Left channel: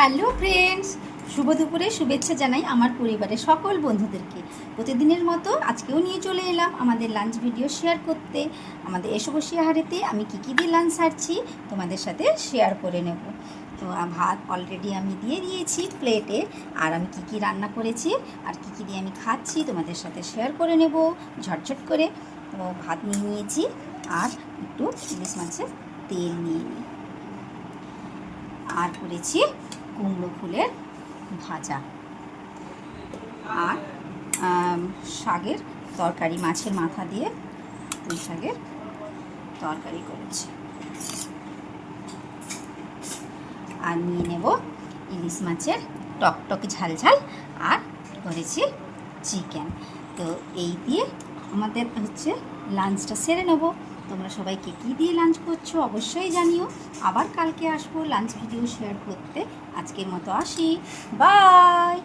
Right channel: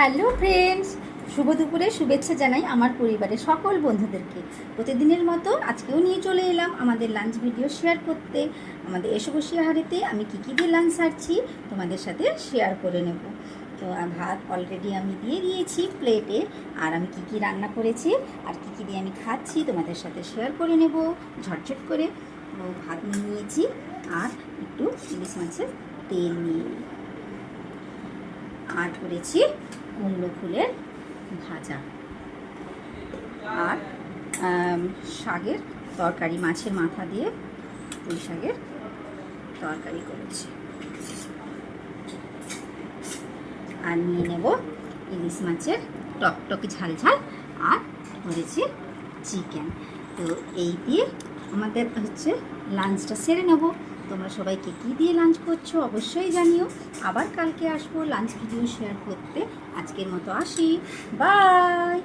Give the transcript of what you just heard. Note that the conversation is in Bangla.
হ্যালো ফ্রেন্ডস, শুভ দুপুরে শুভেচ্ছা জানাই আমার পরিবারের সকল বন্ধুদেরকে। প্রতিদিনের মতো আজকেও নিয়ে চলে এলাম আমাদের লাঞ্চ ভিডিও শেয়ার করতে। আমাদের এসো বসে আহারেতে আমি কী কী দিয়ে লাঞ্চ সারছি তোমাদের সাথে শেয়ার করে নেব। তো ভাত অলরেডি আমি দিয়ে দিয়েছি প্লেটে, আর আমি কী কী রান্না করেছি আর কী কী দিয়ে আমি খাচ্ছি তোমাদের সাথে শেয়ার করে নেব ঝটঝট করে। তো ভাত নিয়ে নিয়েছি আর একটু ইলিশ মাছের তেল নিয়ে নিই, আর করেছি কুমড়ো ফুলের ভাজা আর শাকের তরকারি, মাছের মাথা দিয়ে পুঁই শাকের তরকারি করেছি। আর নিয়ে নেব ইলিশ মাছের টকটক ঝাল ঝাল, আর করেছি চিকেন। তো এই দিয়ে আমাদের লাঞ্চটা সেরে নেব। তোমরা সবাই কী দিয়ে লাঞ্চ করছো অবশ্যই জানিও। আবার কালকে আসবো লাঞ্চ ভিডিও শেয়ার করতে। আজকের মতো আসি, বাই।